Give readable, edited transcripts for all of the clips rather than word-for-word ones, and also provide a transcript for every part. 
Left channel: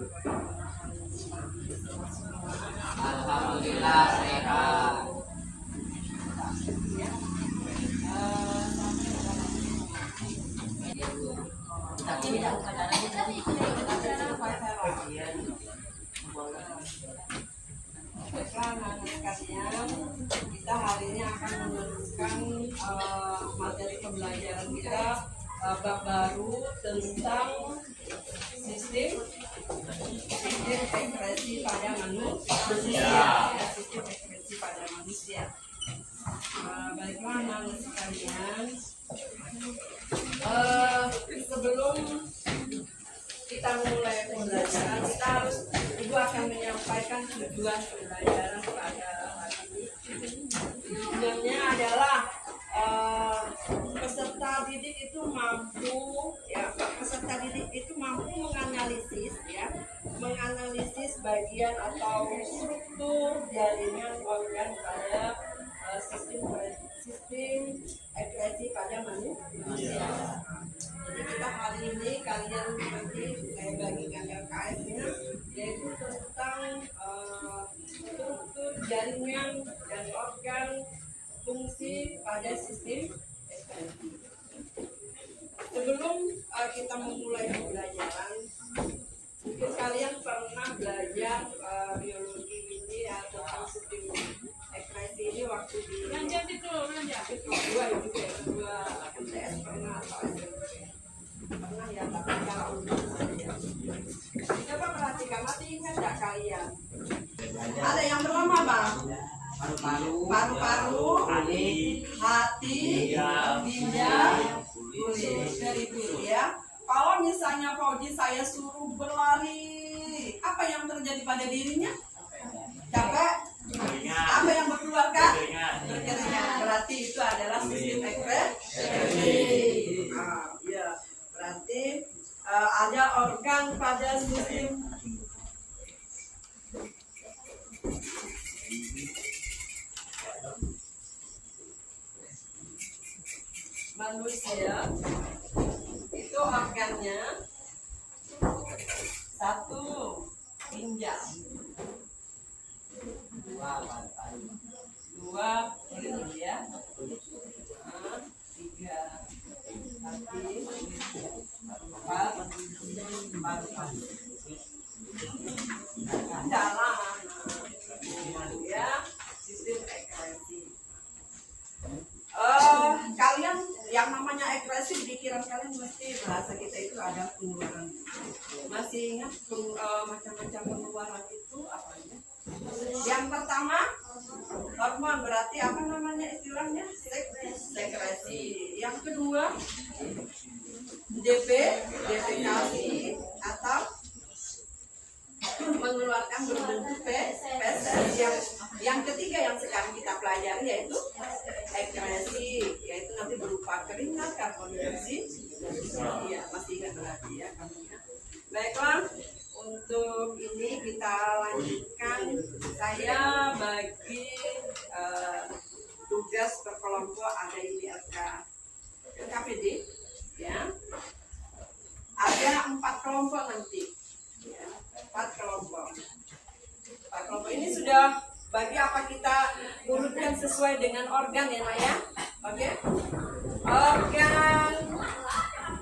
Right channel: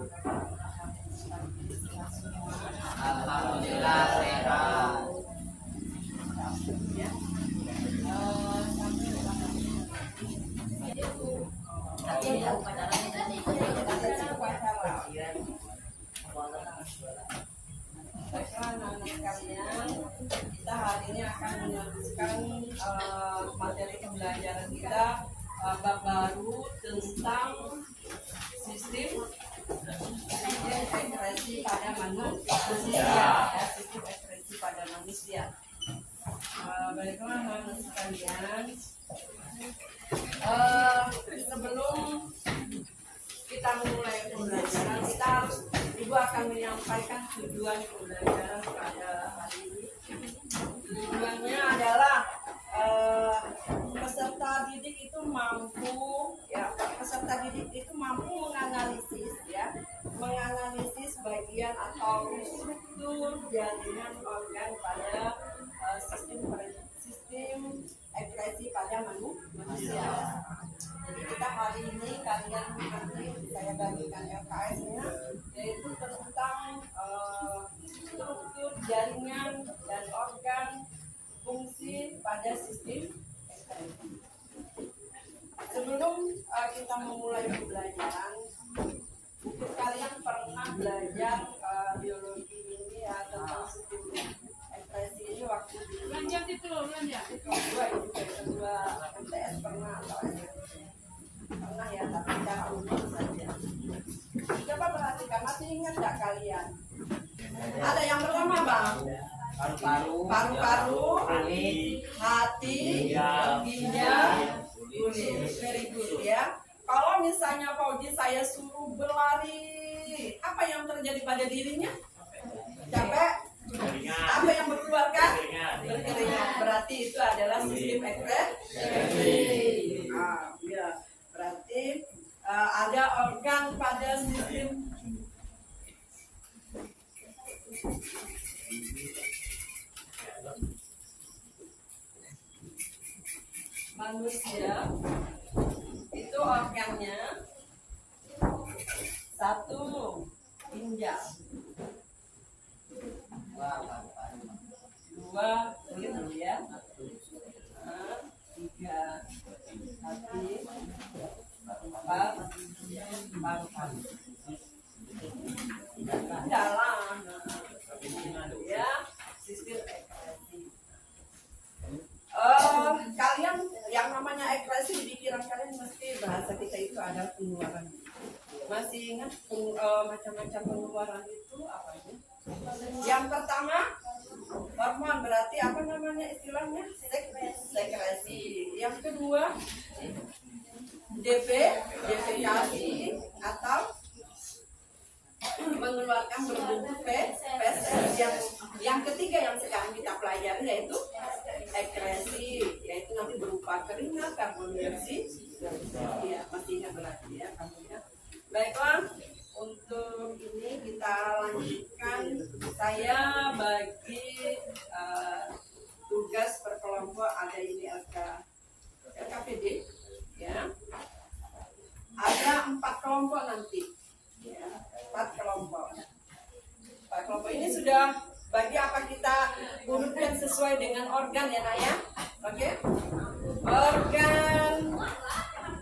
Alhamdulillah sehat. Kita hari ini akan meneruskan materi pembelajaran kita bab baru tentang sistem ekspresi pada manusia. Sistem ekspresi pada manusia. Baiklah anak-anak sekalian, sebelum kita mulai pembelajaran, kita harus ibu akan menyampaikan tujuan pembelajaran pada hari ini. Tujuannya adalah peserta didik itu mampu menganalisis bagian atau struktur jaringan organ pada sistem ekspresi pada manusia. Jadi kita hari ini kalian nanti saya bagikan LKS-nya, yaitu tentang struktur jaringan dan organ fungsi pada sistem ekspresi. Sebelum kita memulai pembelajaran, mungkin kalian pernah belajar biologi ini ya, tentang sistem ekspresi ini waktu di kedua MTS pernah atau SMP pernah ya, tapi secara umum saja. Coba perhatikan, masih ingat nggak kalian? Ada yang pertama bang? Paru-paru, hati, ginjal, kulit. Very good ya. Kalau misalnya Fauji saya suruh berlari, apa yang terjadi pada dirinya? Capek? Apa yang berkeluarkan? Berkeringat. Berarti itu adalah sistem ekspresi. Ya. Berarti ada organ pada sistem manusia. Itu organnya satu ginjal, dua kulit ya, tiga hati, empat paru-paru. Dalam ya sistem ekspresi. Kalian yang namanya ekspresi di pikiran kalian mesti bahasa kita itu ada pengeluaran. Masih ingat macam-macam pengeluaran itu apa aja? Yang pertama hormon, berarti apa namanya istilahnya? Sekresi. Yang kedua defekasi atau mengeluarkan berbentuk feses. Yang ketiga yang sekarang kita pelajari yaitu ekskresi, yaitu nanti berupa keringat, karbon dioksida. Iya, masih ingat berarti ya kamu ya. Baiklah, untuk ini kita lanjutkan. Saya bagi tugas per kelompok, ada ini LKPD ya. Ada 4 kelompok nanti. Ya, 4 kelompok. 4 kelompok ini sudah bagi apa kita urutkan sesuai dengan organ ya Nak ya. Oke. Organ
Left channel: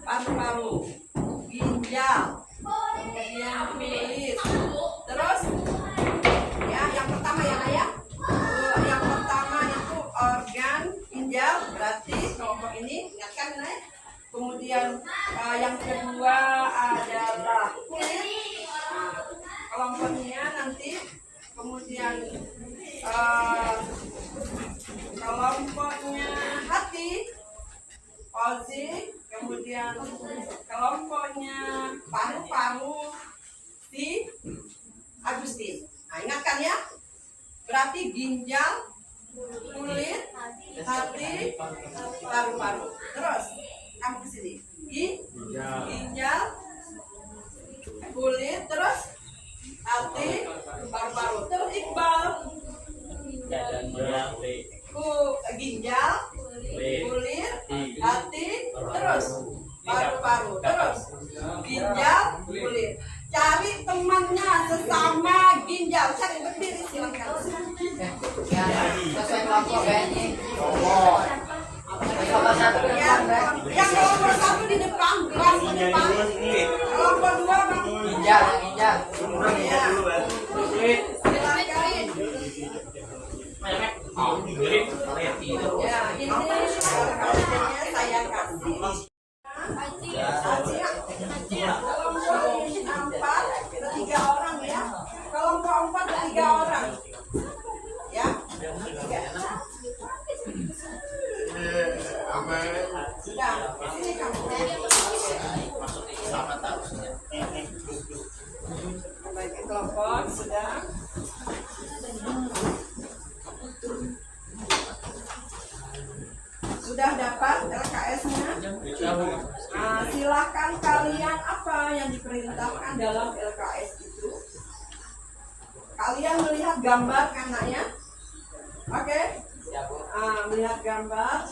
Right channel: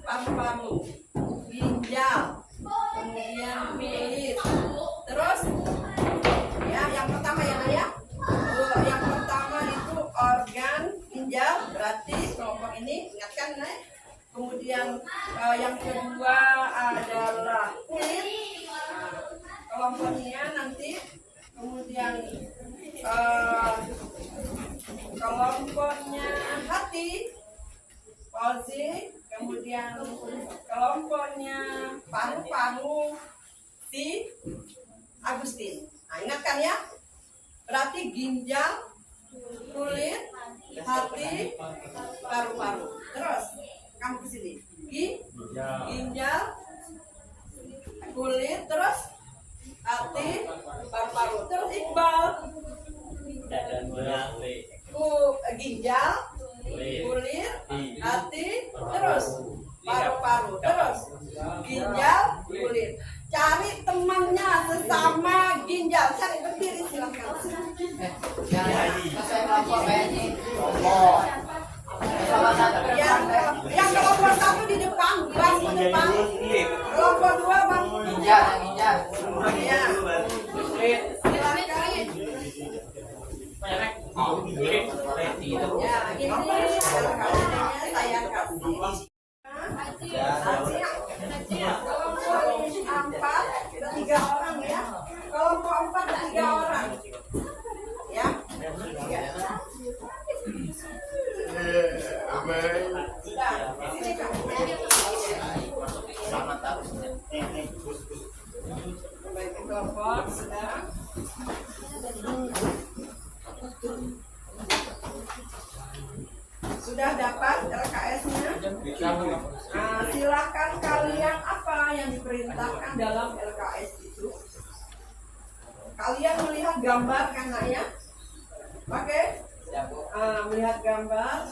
paru-paru, ginjal, kemudian kulit. Terus ya yang pertama ya Nak ya. Yang pertama itu organ ginjal, berarti kelompok ini ingatkan Nak. Kemudian yang kedua adalah kulit. Kelompoknya nanti kemudian kelompoknya hati, Fauzi, kemudian kelompoknya paru-paru, si Agustin. Nah, ingatkan ya, berarti ginjal, kulit, hati, paru-paru. Terus kamu ke sini, ginjal, kulit, terus hati, paru-paru. Terus Iqbal, ginjal, kulit, hati, terus paru-paru, terus ginjal, kulit. Cari teman Yang kelompok 1 di depan, kelas di depan. Kelompok 2 bang. Ginjal, ginjal. Ya. Silakan. Ya, ini saya kasih. Kelompok 4 3 orang ya. Kelompok 4 3 orang. Ya. Sudah. Sini kamu. Baik, kelompok sudah. Sudah dapat LKS-nya? Nah, silakan kalian apa yang diperintahkan dalam LKS itu? Kalian melihat gambar kan nak ya? Oke? Melihat gambar.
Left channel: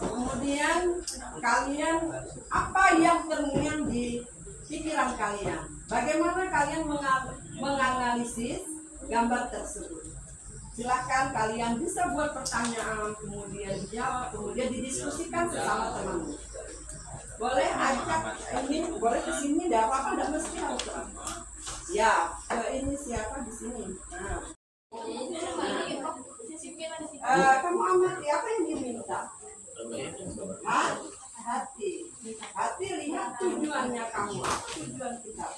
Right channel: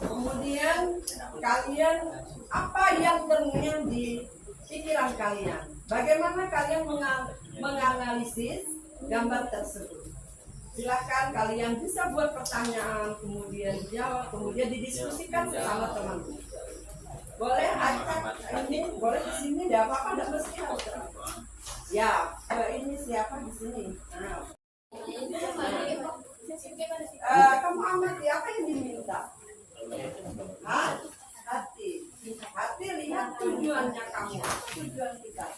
Kemudian kalian apa yang ternyata di pikiran kalian? Bagaimana kalian menganalisis gambar tersebut? Silakan kalian bisa buat pertanyaan, kemudian jawab, kemudian didiskusikan bersama teman. Boleh ajak ini, boleh di sini, tidak apa-apa, tidak mesti harus. Ya, ini siapa di sini? Nah. Kamu amati apa yang diminta? Hati. Hati lihat tujuannya kamu. Apa tujuan kita?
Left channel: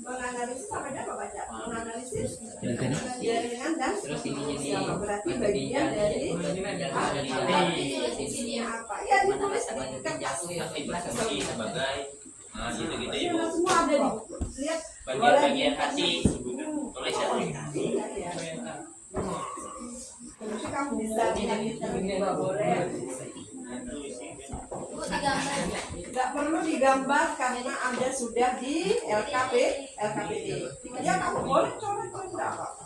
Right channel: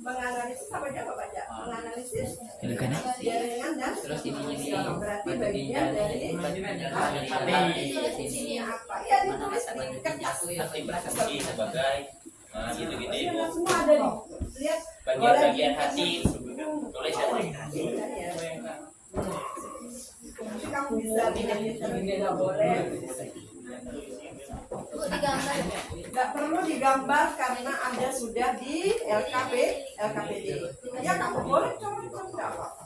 Menganalisis apa aja baca? Menganalisis jaringan dan berarti bagian dari hati apa? Ya ditulis di kertas. Gitu-gitu. Semua ada di buku. Lihat. Bagian hati tulis ya. Kamu bisa lihat di juga boleh. Tidak perlu digambar karena Anda sudah di LKPD. Ya kamu boleh coret tidak apa-apa.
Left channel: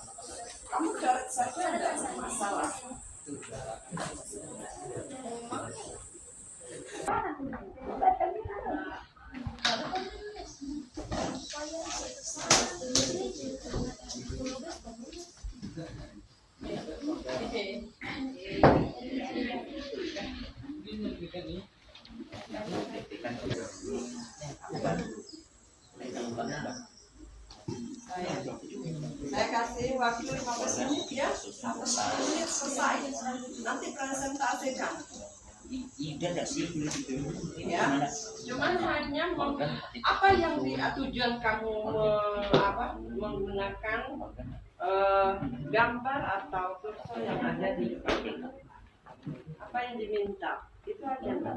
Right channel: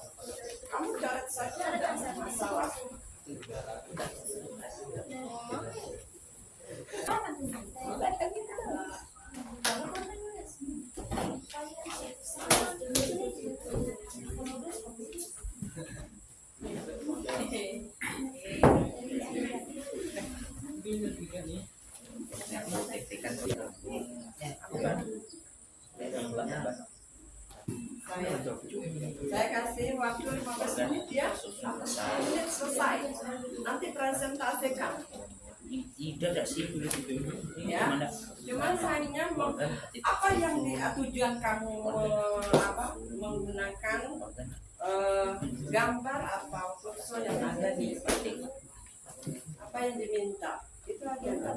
Kamu coret saja tidak masalah. Saya kasih waktu 15 menit ya. 15 menit selesai. Nanti presentasikan. Ya. Cuman hanya apa yang tujuan kamu menggunakan gambar atau kursor yang ada di apa yang diminta itu aja kan.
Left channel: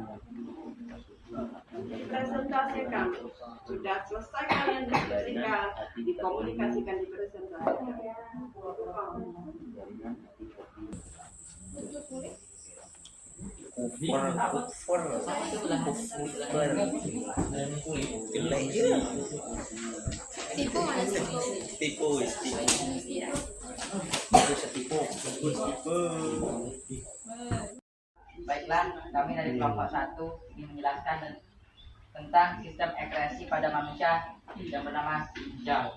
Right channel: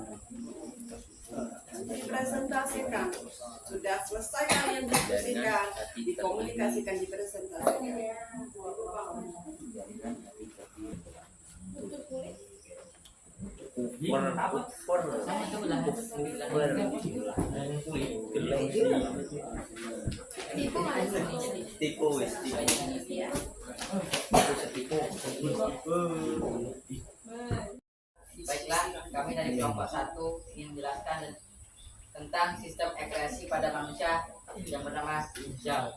Dipresentasikan. Sudah selesai kalian diskusikan, dikomunikasikan, dipresentasikan. Baiklah, kami dari kelompok 1 ingin menjelaskan tentang sistem ekspresi pada manusia yang bernama ginjal.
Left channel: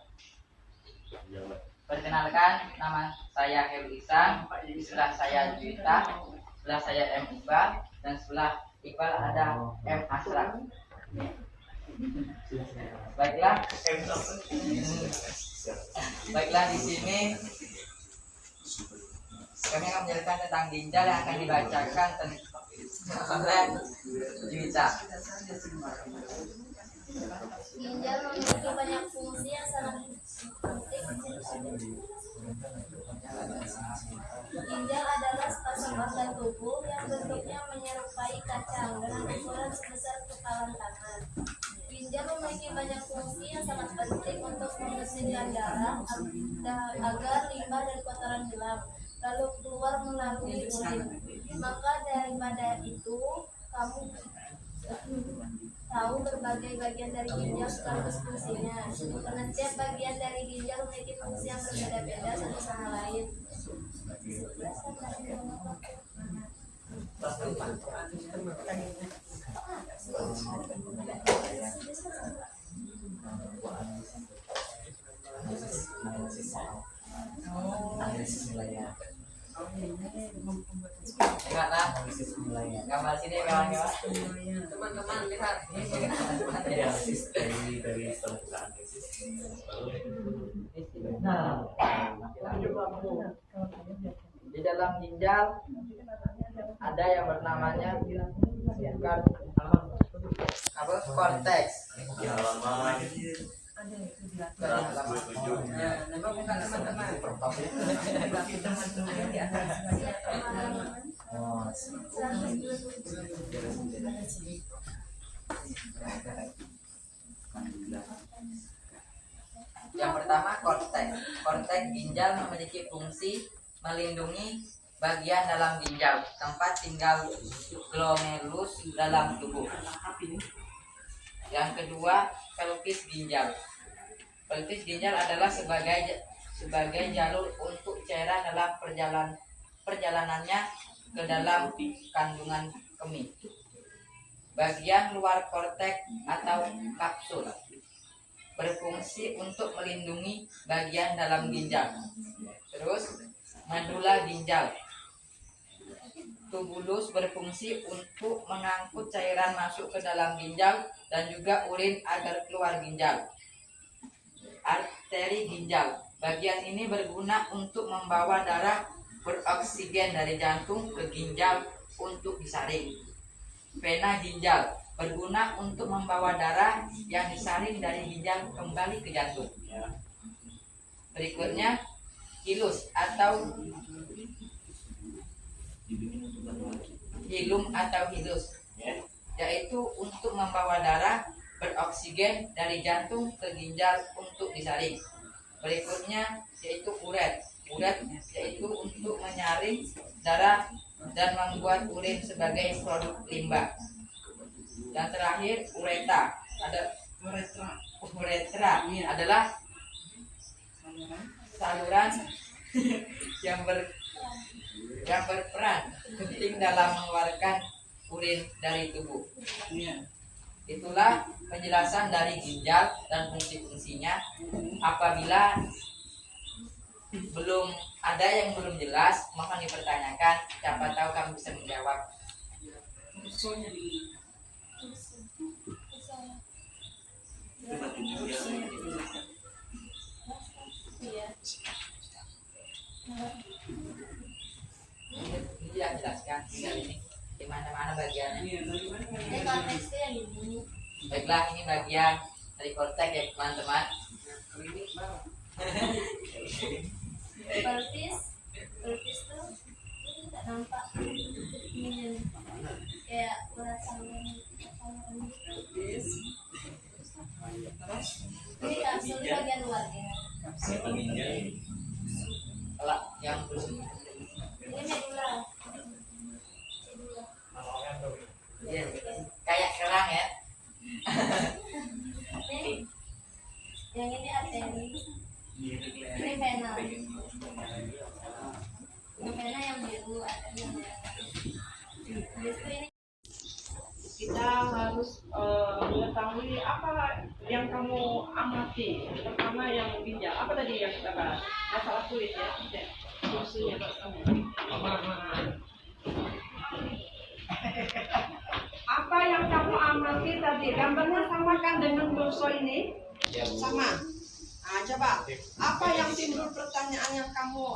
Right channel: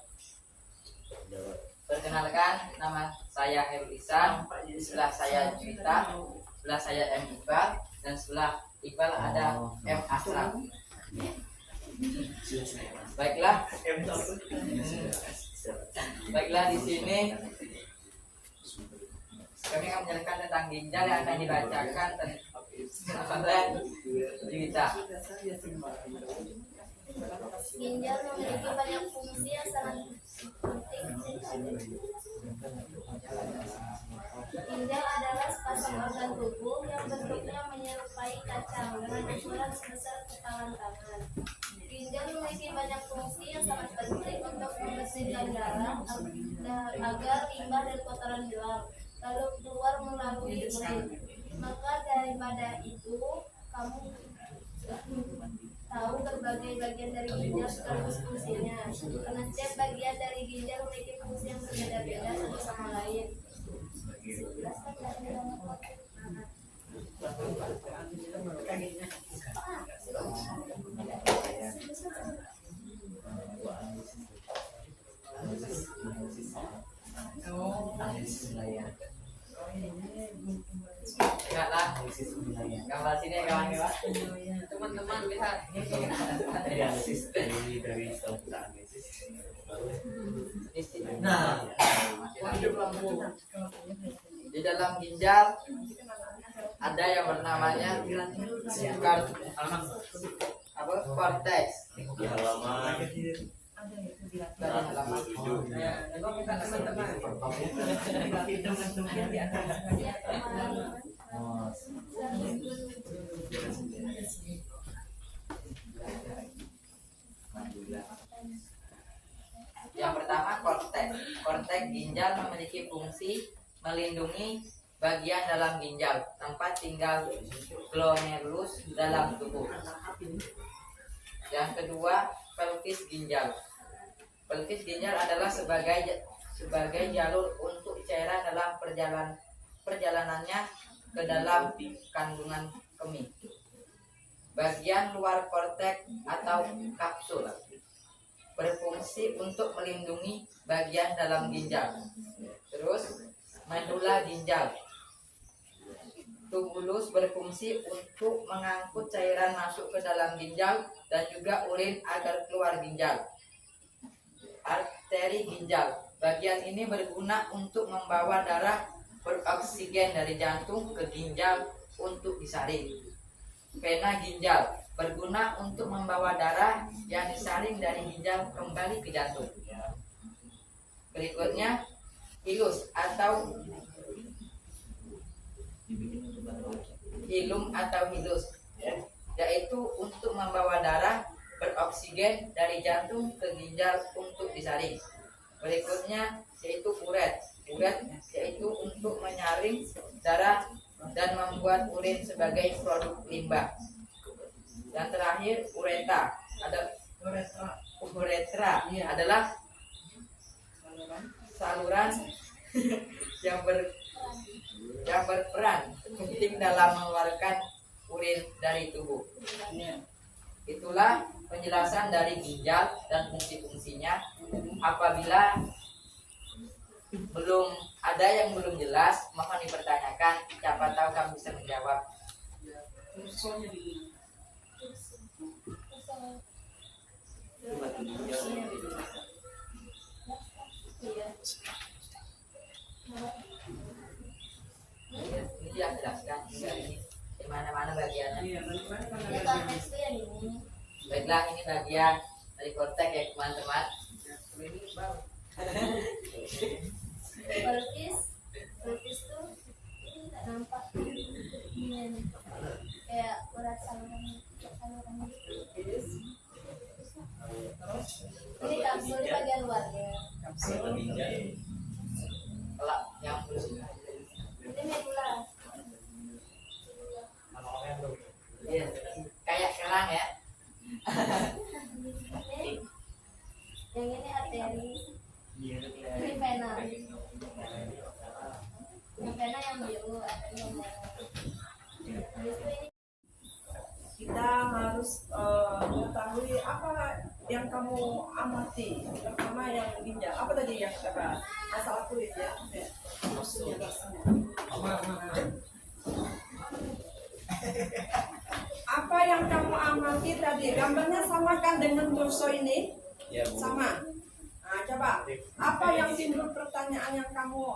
Perkenalkan, nama saya Heru Iksan, di sebelah saya Juwita, sebelah saya M. Iqbal, dan sebelah Iqbal ada M. Asraf. Baiklah, di sini kami akan menjelaskan tentang ginjal yang akan dibacakan oleh Juwita. Ginjal memiliki banyak fungsi yang sangat penting. Ginjal adalah sepasang organ tubuh yang bentuknya menyerupai kacang dengan ukuran sebesar kepalan tangan. Ginjal memiliki banyak fungsi yang sangat penting untuk membersihkan darah agar limbah dan kotoran gelap lalu keluar melalui urin. Maka daripada itu kamu tahu berbagai bagian dari ginjal sekaligus fungsinya. Karena setiap bagian dari ginjal memiliki fungsi yang berbeda-beda satu sama lain. dari setengah Nah, di dalam ginjal ada yang bernamanya korteks. di halaman Dari halaman 127. Yang pertama korteks. Korteks ginjal memiliki fungsi melindungi bagian dalam ginjal, tempat tinggal glomerulus dalam tubuh. Yang kedua, pelvis ginjal. Pelvis ginjal adalah sebagai jalur untuk cairan dalam perjalanannya ke dalam kandungan kemih. Bagian luar korteks atau kapsul berfungsi untuk melindungi bagian dalam ginjal. Terus, medula ginjal. Tubulus berfungsi untuk mengangkut cairan masuk ke dalam ginjal dan juga urin agar keluar ginjal. Arteri ginjal. Bagian ini berguna untuk membawa darah beroksigen dari jantung ke ginjal untuk disaring. Vena ginjal berguna untuk membawa darah yang disaring dari ginjal kembali ke jantung. Berikutnya, hilus atau hilum atau hilus, yaitu untuk membawa darah beroksigen dari jantung ke ginjal untuk disaring. Berikutnya yaitu uret. Uret yaitu untuk menyaring darah dan membuat urin sebagai produk limbah. Yang terakhir uretra. Uretra adalah saluran yang berperan penting dalam mengeluarkan urin dari tubuh. Itulah penjelasan dari ginjal dan fungsi-fungsinya. Apabila belum ada yang belum jelas, mohon dipertanyakan. Siapa tahu kamu bisa menjawab. Ini ya jelaskan ini di mana-mana bagiannya. Baiklah, ini bagian dari korteks ya teman-teman. Pelvis tuh nggak nampak ini kayak urat saluran gitu. Ini kapsul di bagian luarnya. Kalau yang Ini medula. ya, kayak kerang ya. Ini yang ini arteri. Ini vena. Yang vena yang biru, arteri yang merah. Habis itu ini Kita harus mengetahui apa yang kamu amati, terutama yang ginjal. Apa tadi yang kita bahas? Masalah kulit ya, fungsinya Apa yang kamu amati tadi? Gambarnya samakan dengan doso ini? Sama. Nah, coba. Apa yang timbul pertanyaan yang kamu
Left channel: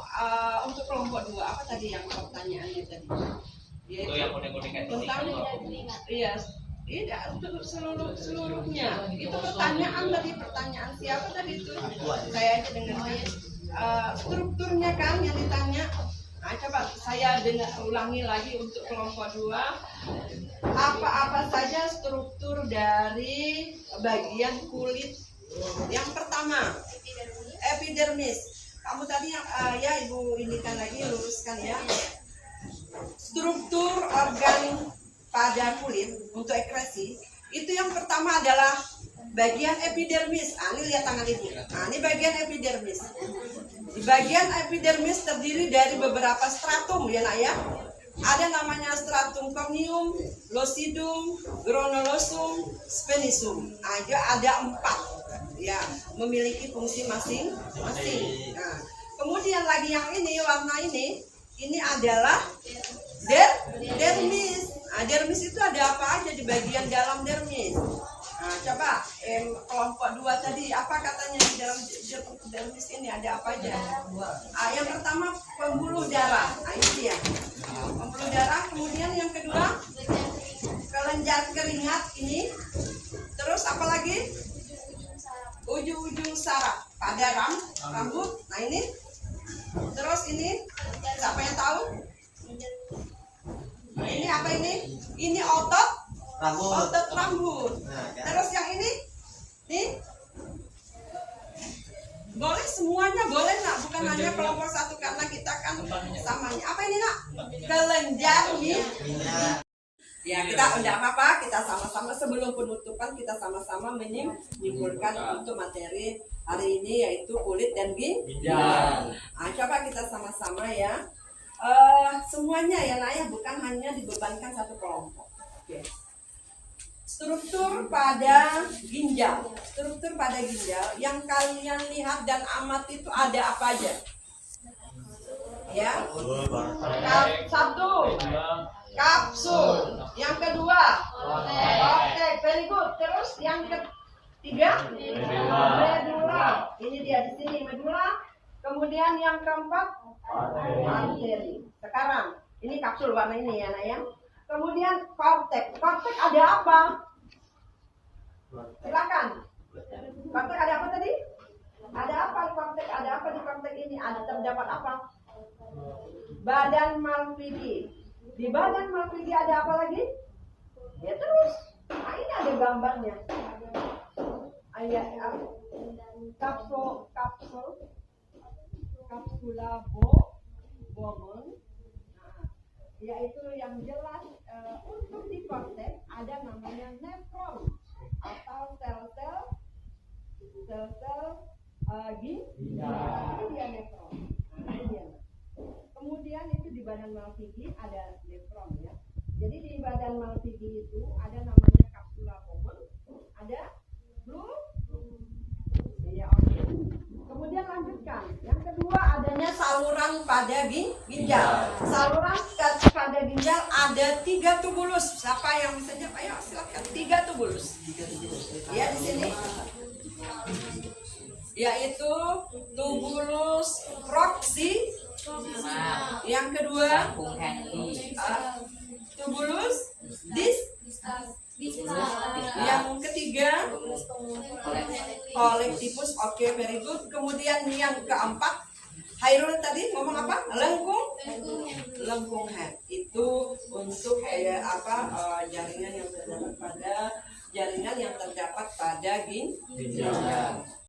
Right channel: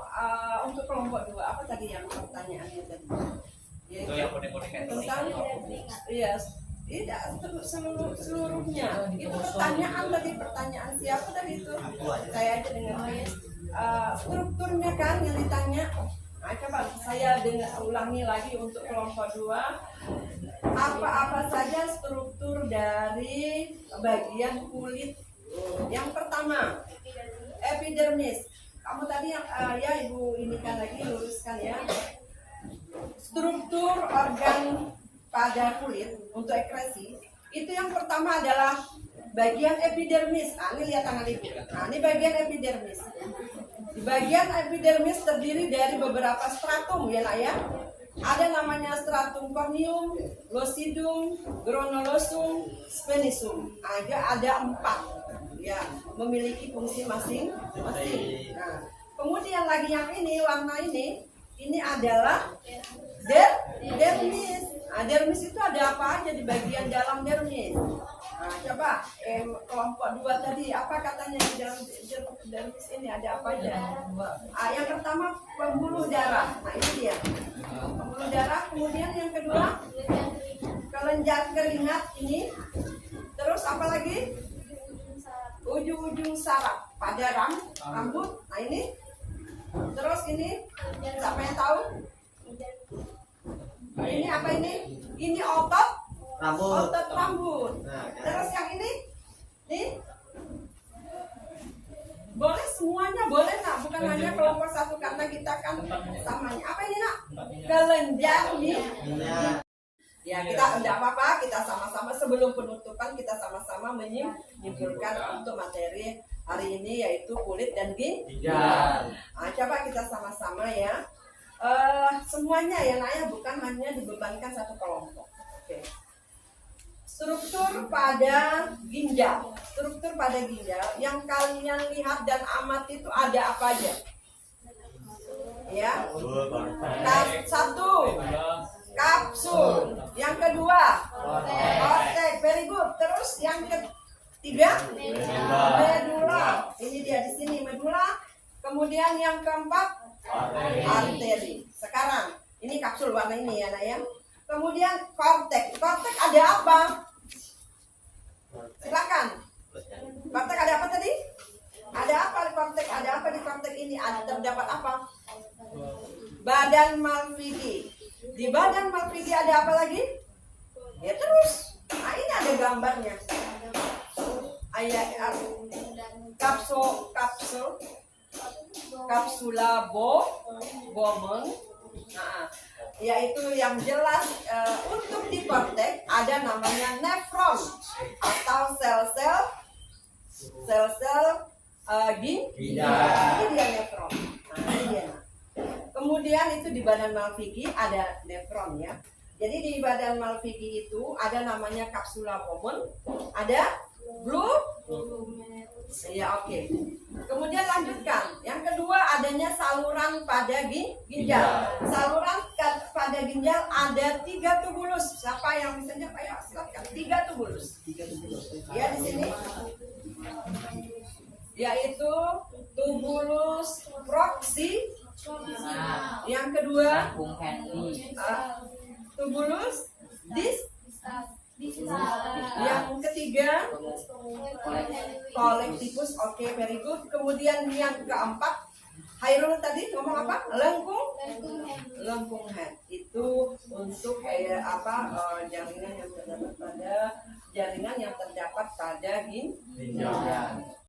untuk kelompok 2? Apa tadi yang pertanyaannya tadi? Tentang iya, tidak seluruhnya. Itu pertanyaan tadi, pertanyaan siapa tadi itu? Saya aja dengar. Strukturnya kan yang ditanya. Nah, coba saya ulangi lagi untuk kelompok 2. Apa-apa saja struktur dari bagian kulit? Yang pertama, epidermis. Kamu tadi yang ya Ibu indikan lagi, luruskan ya. Struktur organ pada kulit untuk ekresi itu yang pertama adalah bagian epidermis. Ini lihat tangan Ibu. Ini bagian epidermis. Di bagian epidermis terdiri dari beberapa stratum ya nak ya. Ada namanya stratum corneum, lucidum, granulosa, spinosum. Ada 4 ya, memiliki fungsi masing-masing. Nah, kemudian lagi yang ini warna ini adalah dermis. Nah, dermis itu ada apa aja di bagian dalam dermis? Nah, coba kelompok 2 tadi apa katanya di dalam dermis ini ada apa aja? Yang pertama pembuluh darah. Nah, ini dia. Pembuluh darah, kemudian yang kedua kelenjar keringat ini. Terus apa lagi? Ujung-ujung saraf pada rambut. Nah, ini. Terus ini siapa yang tahu? Ini apa ini? Ini otot rambut. Terus yang ini? Nih. Boleh semuanya, boleh nak, bukan hanya kelompok 1 karena kita kan samanya. Apa ini nak? Kelenjar minyak. Ya, kita enggak apa-apa, kita sama-sama sebelum penutupan kita sama-sama menyimpulkan untuk materi hari ini yaitu kulit dan ginjal. Nah, coba kita sama-sama ya. Semuanya ya nak ya, bukan hanya dibebankan satu kelompok. Oke. Struktur pada ginjal. Struktur pada ginjal yang kalian lihat dan amati itu ada apa aja? Ya. Satu, kapsul. Yang kedua, kortek. Very good. Terus yang ketiga, medula. Ini dia di sini medula. Kemudian yang keempat, arteri. Sekarang ini kapsul warna ini ya nak ya. Kemudian kortek. Kortek ada apa? Silakan. Kortek ada apa tadi? Ada apa di kortek? Ada apa di kortek ini? Ada terdapat apa? Badan Malpighi. Di badan Malpighi ada apa lagi? Ya terus. Nah, ini ada gambarnya. Kapsula Bowman. Nah, yaitu yang jelas untuk di kortek ada namanya nefron atau sel-sel ginjal. Ini dia nefron. Nah, ini dia. Kemudian itu di badan Malpighi ada nefron ya. Jadi di badan Malpighi itu ada namanya kapsula Bowman, ada ya oke. Kemudian lanjutkan. Yang kedua adanya saluran pada ginjal. Saluran pada ginjal ada 3 tubulus. Siapa yang bisa jawab? Ayo silakan. 3 tubulus. Ya di sini. Yaitu tubulus proxy. Yang kedua tubulus yang ketiga kolektivus. Oke, very good. Kemudian yang keempat, Hairul tadi ngomong apa? Lengkung head. Itu untuk jaringan yang terdapat pada ginjal.